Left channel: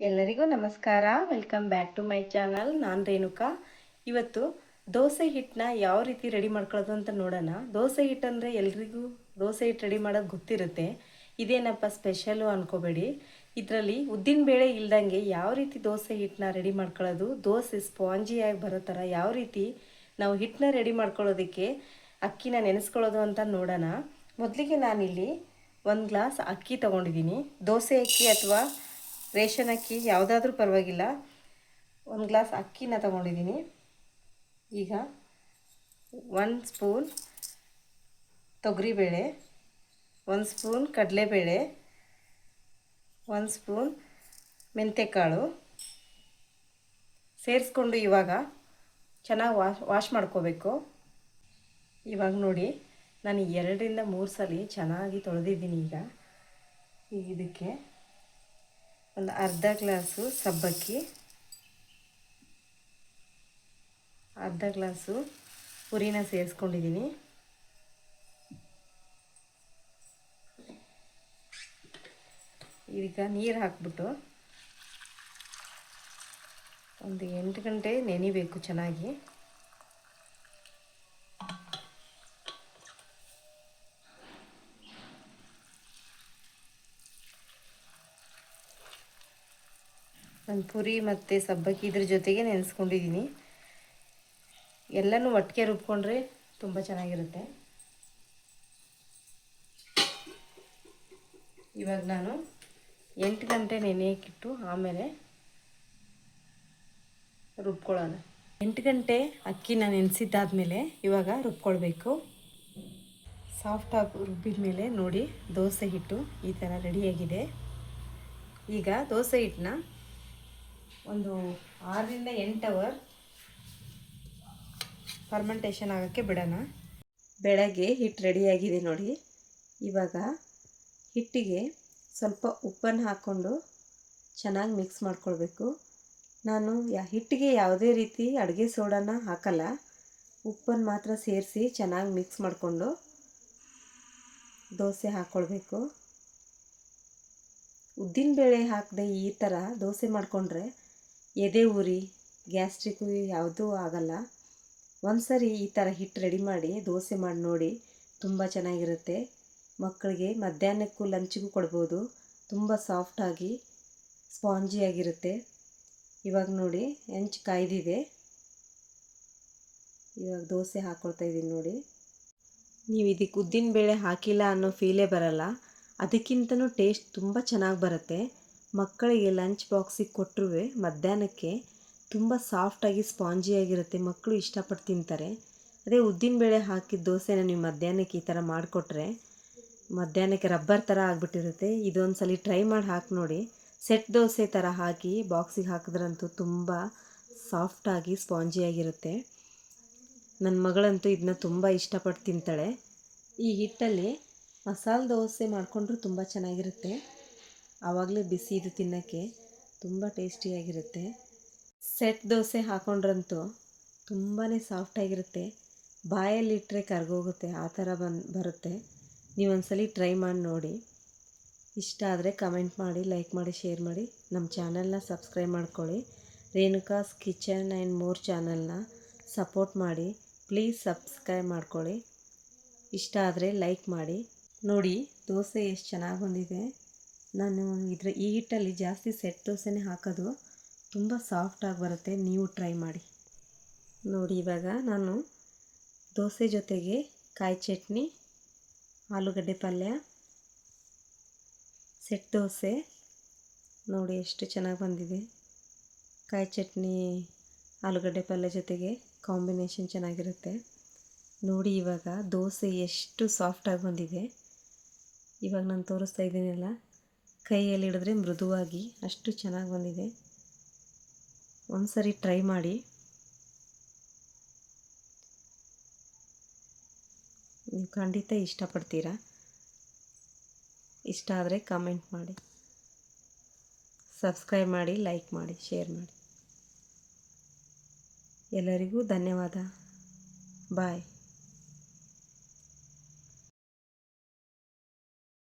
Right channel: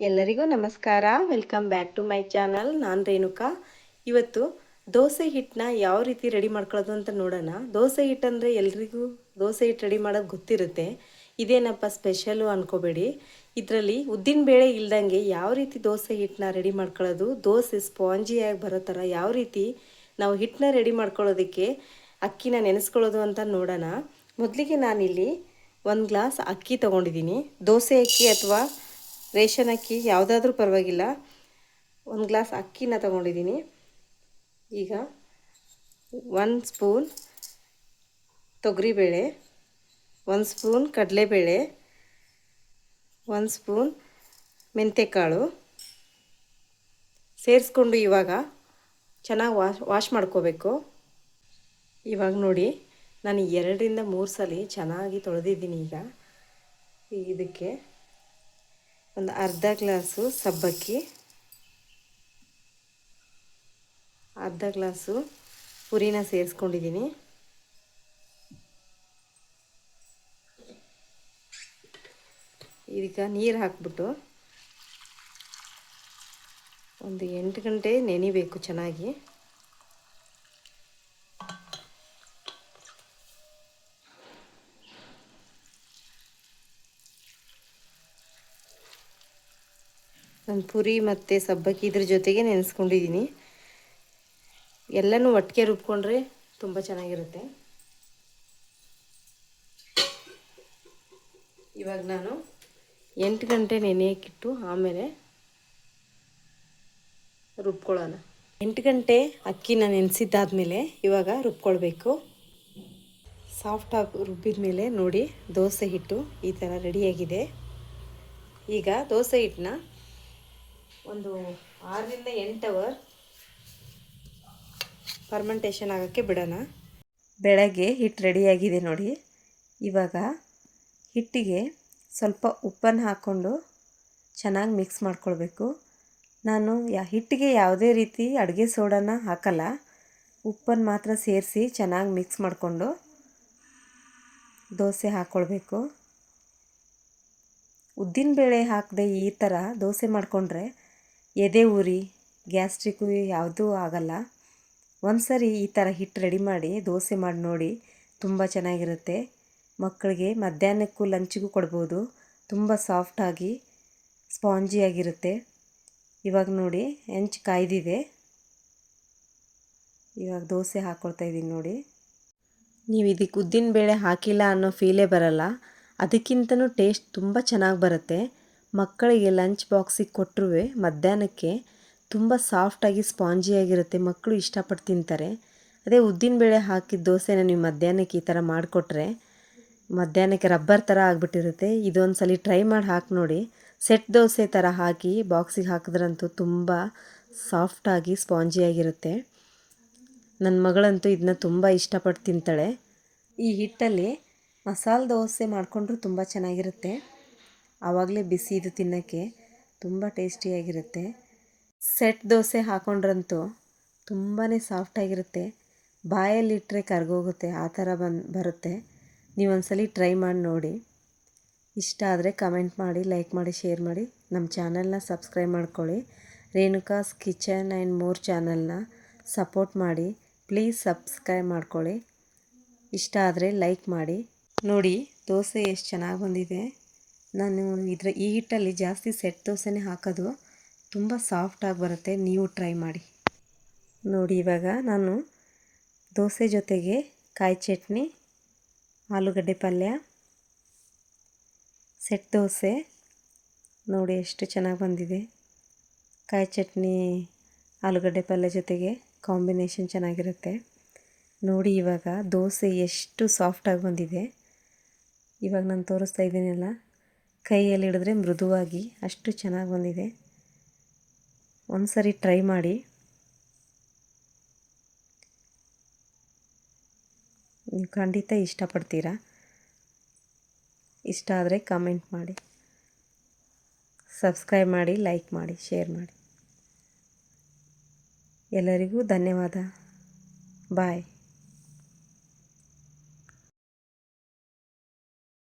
ಎಲ್ಲರಿಗೂ ನಮಸ್ಕಾರ. Welcome back to my channel ನಾನು ರೇಣುಕಾ. ಇವತ್ತು ದೋಸೆ ಹಿಟ್ಟನ್ನ ಯಾವ ರೀತಿ ರೆಡಿ ಮಾಡ್ಕೊಳ್ಳೋದು ಅಂತ ನೋಡೋಣ. ದೋಸೆ ಹಿಟ್ಟು ಅಂದರೆ ಎಲ್ರಿಗೂ ದೋಸೆ ಹಿಟ್ಟು ರೆಡಿ ಮಾಡೋದು ಗೊತ್ತಿರುತ್ತೆ. ಇದೇನಪ್ಪ ಸ್ಪೆಷಲು ಅಂದ್ಕೋಬೇಡಿ ಇದರಲ್ಲಿ ಉದ್ದಿನ ಬೇಳೆ ಇಲ್ದಂಗೆ ಯಾವ ರೀತಿ ದೋಸೆ ಹಿಟ್ಟನ್ನ ರೆಡಿ ಮಾಡ್ಕೊಳ್ಳೋದು, ದೋಸೆ ಸ್ಪಾಂಜಿಯಾಗಿ ಬರೋ ಥರ ಯಾವ ರೀತಿ ನಾವು ಹಿಟ್ಟನ್ನ ರೆಡಿ ಮಾಡ್ಕೊಳ್ಳೋದಕ್ಕೆ ಅಕ್ಕಿನ ನೆನೆಸ್ಕೊಳ್ಳೋದು ಅಂತ ನೋಡೋಣ. ಮೊದಲಿಗೆ ನಾನಿಲ್ಲಿ ಒಂದು ಗ್ಲಾಸ್ ಅಕ್ಕಿ ತೊಗೊಂಡಿದ್ದೀನಿ. ದೋಸೆ ಅಕ್ಕಿ ಅಥವಾ ರೇಷನ್ ಅಕ್ಕಿ ಯಾವುದಾದ್ರೂ ಪರವಾಗಿಲ್ಲ. ಒಂದು ಗ್ಲಾಸ್ ಅಕ್ಕಿನ ತಗೊಂಡಿದ್ದೀನಿ ಈಗ ಒನ್ ಸ್ಪೂನ್ ತೊಗರಿಬೇಳೆ ಒಂದು ಸ್ಪೂನ್ ಕಡಲೆಬೇಳೆ, ಒಂದು ಸ್ಪೂನ್ ಮೆಂತೆಕಾಳು ಸೇರಿಸ್ಕೊಂಡು ಇವಾಗ ಚೆನ್ನಾಗಿ ವಾಶ್ ವಾಶ್ ಮಾಡ್ಕೋಬೇಕು. ಇವಾಗ ನೋಡಿ, ನಾನು ಎರಡರಿಂದ ಮೂರು ಸಲ ಚೆನ್ನಾಗಿ ತೊಳೆದಿದ್ದೀನಿ ಈಗ. ಇದಕ್ಕೆ ಒಂದು ಅರ್ಧ ಗ್ಲಾಸು ಸಬ್ಬಕ್ಕಿ, ಅರ್ಧ ಗ್ಲಾಸು ಪುರಿನ ಸೇರಿಸ್ಕೊಂಡಿದ್ದೀನಿ. ಈಗ ನೀರು ಹಾಕ್ಬಿಟ್ಟು ಒಂದು ಎಂಟು ಗಂಟೆ ನೆನಿಬೇಕು ಚೆನ್ನಾಗಿ. ನಾನು ಪುರಿ ಮತ್ತು ಸಬ್ಬಕ್ಕಿ ಇದ್ರ ಜೊತೆಗೆ ನೆನೆಸ್ಕೊಂಡಿದ್ದೀನಿ ಎಲ್ಲನೂ ಒಟ್ಟಿಗೆ ರುಬ್ಕೊಂಡ್ರೆ ತುಂಬ ಚೆನ್ನಾಗಿರುತ್ತೆ. ಇವಾಗ ನಾನು ಎಂಟು ಗಂಟೆ ನೆನೆಯಕ್ಕಿಟ್ಟು ಆಮೇಲೆ ರುಬ್ಕೊಳ್ಳೋಣ. ಎಂಟು ಗಂಟೆ ಅಕ್ಕಿನ ನೆನೆಸಿದ್ದಾದಮೇಲೆ ಇವಾಗ ರುಬ್ಕೊಳ್ಬೇಕು. ಸಾಫ್ಟಾಗಿ ರುಬ್ಬಿದ ಮೇಲೆ ನೋಡಿ, ದೋಸೆ ಹಿಟ್ಟು ಈ ಥರ ರೆಡಿಯಾಗಿದೆ ಈಗ ದೋಸೆ ಹಿಟ್ಟನ್ನ ಒಂದು ಆರರಿಂದ ಎಂಟು ಅವರ್ ಫರ್ಮೆಂಟೇಷನ್ ಆಗೋಕ್ಕೆ ಬಿಡೋಣ. ಬೆಳಗ್ಗೆ ಹಿಟ್ಟು ರೆಡಿಯಾಗಿದೆ ನೋಡಿ. ಇವಾಗ ಹಿಟ್ಟಿಗೆ ಸ್ವಲ್ಪ ಉಪ್ಪನ್ನು ಹಾಕ್ಕೊಂಡು ಚೆನ್ನಾಗಿ ಮಿಕ್ಸ್ ಮಾಡ್ಕೊಳ್ಬೇಕು. ನಾನು ಯಾ ಹಿಟ್ಟಿಗೆ ಯಾವುದೇ ರೀತಿ ಅಡುಗೆ ಸೋಡಾನ ಹಾಕಲ್ಲ. ಉಪ್ಪನ್ನು ಮಾತ್ರ ಸೇರಿಸಿ ಚೆನ್ನಾಗಿ ಮಿಕ್ಸ್ ಮಾಡಿಕೊಂಡು ದೋಸೆ ಹಾಕ್ಕೊಳ್ಬೇಕು. ಉದ್ದಿನಬೇಳೆ ಹಾಕದೆ ಈ ಥರ ದೋಸೆ ಮಾಡಿಕೊಂಡ್ರೆ ಎದೆ ಉರಿ ಗ್ಯಾಸ್ಟ್ರಿಕ್ಕು ಯಾವುದೂ ಆಗಲ್ಲ. ಒಂದು ಸರಿ ಈ ಥರ ಹಿಟ್ಟು ರೆಡಿ ಮಾಡಿ, ದೋಸೆ ಮಾಡಿ ನೋಡಿ ತುಂಬ ಚೆನ್ನಾಗಿರುತ್ತೆ. ಮಕ್ಕಳಿಗೆ ಮಧ್ಯಾಹ್ನಕ್ಕೂ ಲಂಚಿಗೂ ಕೊಡ್ಬೋದು. ತುಂಬ ಸಾಫ್ಟಾಗಿ ಸ್ಪಾಂಜಿಯಾಗಿರುತ್ತೆ ಇವಾಗ ನೋಡಿ, ಹೆಂಚು ಕಾಯ್ದಿದೆ. ಇವಾಗ ದೋಸೆ ಹಾಕ್ಕೊಳ್ತಾ ಇದ್ದೀನಿ ನೋಡಿ. ನೀವು ಇದಕ್ಕೆ ಉದ್ದಿನ ಬೇಳೆ ಹಾಕಿಲ್ಲ ಅನ್ನೋ ಫೀಲೇ ಬರಲ್ಲ. ಅದಕ್ಕಿಂತನೂ ಟೇಸ್ಟ್ ತುಂಬ ಚೆನ್ನಾಗಿ ಬರುತ್ತೆ. ಮಕ್ಕಳಿಗೆ ಲಂಚ್ ಬಾಕ್ಸಿಗೆ ಕೊಟ್ಟರು ಮಧ್ಯಾಹ್ನಕ್ಕೆ ತುಂಬ ಸಾಫ್ಟಾಗಿ ಸ್ಪಾಂಜಿಯಾಗಿರುತ್ತೆ ಮಕ್ಕಳು ಇಷ್ಟಪಟ್ಟು ತಿಂತಾರೆ. ಅದೇ ಉದ್ದಿನಬೇಳೆ ಹಾಕಿದ ದೋಸೆನ ನೀವು ಮಧ್ಯಾಹ್ನಕ್ಕೆ ಈ ಥರ ಮಾಡಿಕೊಟ್ರೆ ಮಧ್ಯಾಹ್ನಕ್ಕೆ ರಬ್ಬರ್ ಥರ ಆಗಿಬಿಟ್ಟಿರುತ್ತೆ. ಇದೊಂದು ಸಲ ಟ್ರೈ ಮಾಡಿ ಹಾಕಿ ನೋಡಿ. ಸೆಟ್ ದೋಸೆ ಥರ ಹಾಕಿ ಬಾಕ್ಸಿಗೆ ಹಾಕಿದ್ರಂತೂ ತುಂಬ ಸಾಫ್ಟಾಗಿ ಸ್ಪಾಂಜಿಯಾಗಿರುತ್ತೆ ನನ್ನ ಮಗಳಂತೂ ಇದನ್ನ ತುಂಬ ಇಷ್ಟಪಟ್ಟು ತಿಂತಾಳೆ. ಈ ಹಿಟ್ಟಲ್ಲಿ ಮಸಾಲೆ ದೋಸೆ ಮಾಡಿಕೊಂಡ್ರೂ ತುಂಬ ಚೆನ್ನಾಗಿರುತ್ತೆ. ಆವಾಗಲೇ ಬಿಸಿ ಇದು ತಿನ್ನೋಕ್ಕೆ ತುಂಬ ಟೇಸ್ಟಿಯಾಗಿರುತ್ತೆ. ಸೆಟ್ ದೋಸೆ ಹಾಕೊಂಡ್ರಂತೂ ತುಂಬಾ ಸಾಫ್ಟಾಗಿರುತ್ತೆ. ಬಾಯಲ್ಲಿಟ್ಟರೆ ಕರ್ಗೋಗುತ್ತೆ, ಆ ಥರ ಬಂದು, ಬರುತ್ತೆ. ನೀವು ಒಂದ್ಸಲಿ ಟ್ರೈ ಮಾಡಿ ನೋಡಿ. ಇಷ್ಟ ಆದರೆ ಕಮೆಂಟ್ ಮಾಡಿ, ಲೈಕ್ ಮಾಡಿ, ಶೇರ್ ಮಾಡಿ. ನಮ್ಮ ಚಾನಲ್ನ ಸಬ್ಸ್ಕ್ರೈಬ್ ಮಾಡ್ಕೊಳ್ಳಿ. ರೇಣುಕಾಸ್ ಕಿಚನ್ ಆ್ಯಂಡ್ ಮೋರ್ ಚಾನಲ್ನ ಸಪೋರ್ಟ್ ಮಾಡಿ. ಪ್ಲೀಸ್ ಸಬ್ಸ್ಕ್ರೈಬ್ ಮಾಡ್ಕೊಳ್ಳಿ. ಇಷ್ಟ ಆದರೆ ಲೈಕ್ ಮಾಡಿ. ನೋಡಿ, ದೋಸೆ ಎಷ್ಟು ಚೆನ್ನಾಗಿ ಬಂದಿದೆ. ನಾನು ಇದರ ಈ ಹಿಟ್ಟಲ್ಲಿ ಜಾಸ್ತಿ ಸೆಟ್ ದೋಸೆನೇ ಹಾಕೋದು. ತುಂಬ ಸಾಫ್ಟಾಗಿ ಬರುತ್ತೆ. ನೀವು ಟ್ರೈ ಮಾಡಿ. ನೋಡಿ, ಇವಾಗ ನಾನು ದೋಸೆ ಜೊತೆಗೆ ಕಾಯಿ ಚಟ್ನಿ, ಆಲೂಗಡ್ಡೆ ಪಲ್ಯ, ಸೆಟ್ ದೋಸೆ. ನೋಡಿ, ಎಷ್ಟು ಚೆನ್ನಾಗಿ ಬಂದಿದೆ. ಕಾಯಿ ಚಟ್ನಿ, ಆಲೂಗಡ್ಡೆ ಪಲ್ಯ ಜೊತೆಗೆ ಕಾಂಬಿನೇಷನ್ ಚೆನ್ನಾಗಿರುತ್ತೆ. ನೋಡಿ, ಇವಾಗ ದೋಸೆ ಎಷ್ಟು ಸಾಫ್ಟಾಗಿ ಬಂದಿದೆ. ಇವಾಗ ನಾನು ತೋರಿಸ್ತಾ ಇದ್ದೀನಲ್ಲ. ಕೈಯಲ್ಲಿ ಹಿಡಿದ್ರೆ ಮೃದುವಾಗಿ ಅಷ್ಟು ಚೆನ್ನಾಗಿ ಬಂದಿದೆ. ಒಂದು ಸರಿ ಟ್ರೈ ಮಾಡಿ. ನೀವು ಖಂಡಿತ ಇಷ್ಟಪಡ್ತೀರಾ? ಇಷ್ಟ ಆದರೆ ಕಮೆಂಟ್ ಮಾಡಿ. ಸಬ್ಸ್ಕ್ರೈಬ್ ಮಾಡಿ ಲೈಕ್ ಮಾಡಿ ಶೇರ್ ಮಾಡಿ. ಎಲ್ಲರಿಗೂ ಧನ್ಯವಾದ. ಬಾಯ್